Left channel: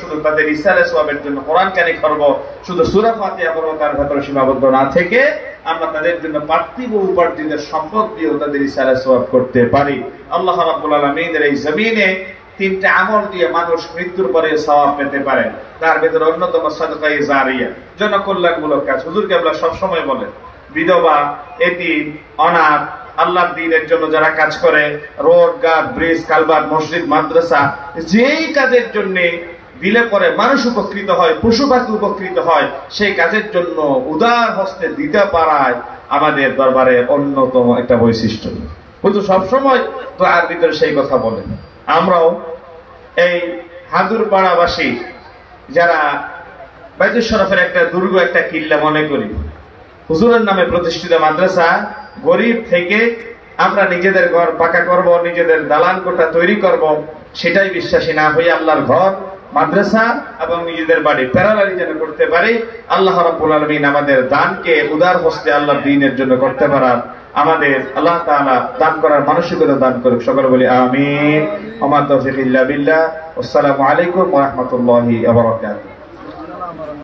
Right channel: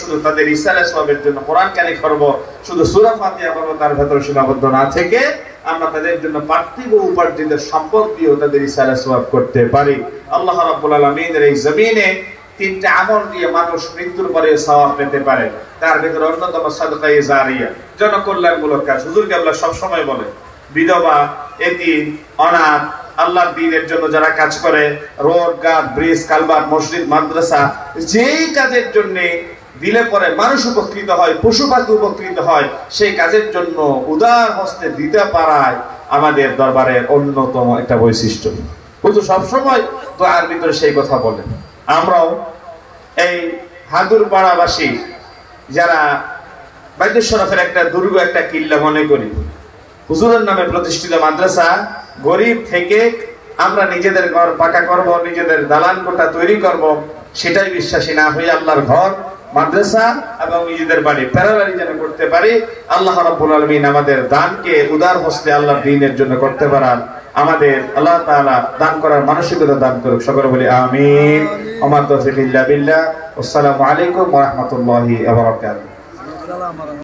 শুধু তাদের ইসালে সওয়াবের জন্য কোরআন কানে করব, শুধু সূরা ফাতিহা পড়ব, তার ভিতরে সীমাবদ্ধ না থেকে আমরা তাদের জন্য পার্থিব উপার্জিত সম্পদ দিয়ে তাদের ইসালে সওয়াব করতে পারি। আল্লাহ রাব্বুল আলামিনের এই জমিনে তিনটা আমল দিয়ে মানুষ মৃত্যুর পরে সওয়াব পেতে পারে। তার ভিতরে অন্যতম সাদকায়ে জারিয়া, জনকল্যাণমূলক কাজ। হুজুর কেবলা সব সময় বলে, বিধবা, এতিম, অনাথ, আল্লাহর দ্বীনের জন্য যারা কাজ করে, রোড, ঘাট, ব্রিজ, কালভার্ট, মসজিদ, মাদ্রাসা, যেই কাজের জন্য দিলে পরে মানুষ উপকৃত হয়, পশু পাখি উপকৃত হয়, সেই কাজের জন্য উদার হস্তে দিতে পারায় আমাদের দরবারে অন্যতম একটা বৈশিষ্ট্য। হুজুর সবসময় তো আর ভিতরে সেই কথা বলেন। আমরাও এই হাদুর পাড়াবাসী যারা বাইতুল শরফের একটা দুর্গ, একটা কিল্লা মনে করি, হুজুরের নামে প্রতিষ্ঠিত মাদ্রাসা, গরিব থেকে আমরা নিজেদের ঘর পাকা করব, নিজেদের দালান কোঠা তৈরি করব, সেটাই বিশ্বাসী না হয়ে আল্লাহর ঘর, মাদ্রাসা এবং নিজেদের বাড়ি প্যারালালি যেন করতে পারি। আল্লাহ রাব্বুল আলামিন আমাদের দানকে উদার হস্তে আল্লাহর দ্বীনের জন্য করতে পারার আমাদের আল্লাহ তাআলা দান করার মানসিকতা দান করুক। সকলে বলি আমিন। ওয়া মা তাওফীক ইল্লা বিল্লাহ। আসসালামু আলাইকুম ওয়া রাহমাতুল্লাহি ওয়া বারাকাতুহু।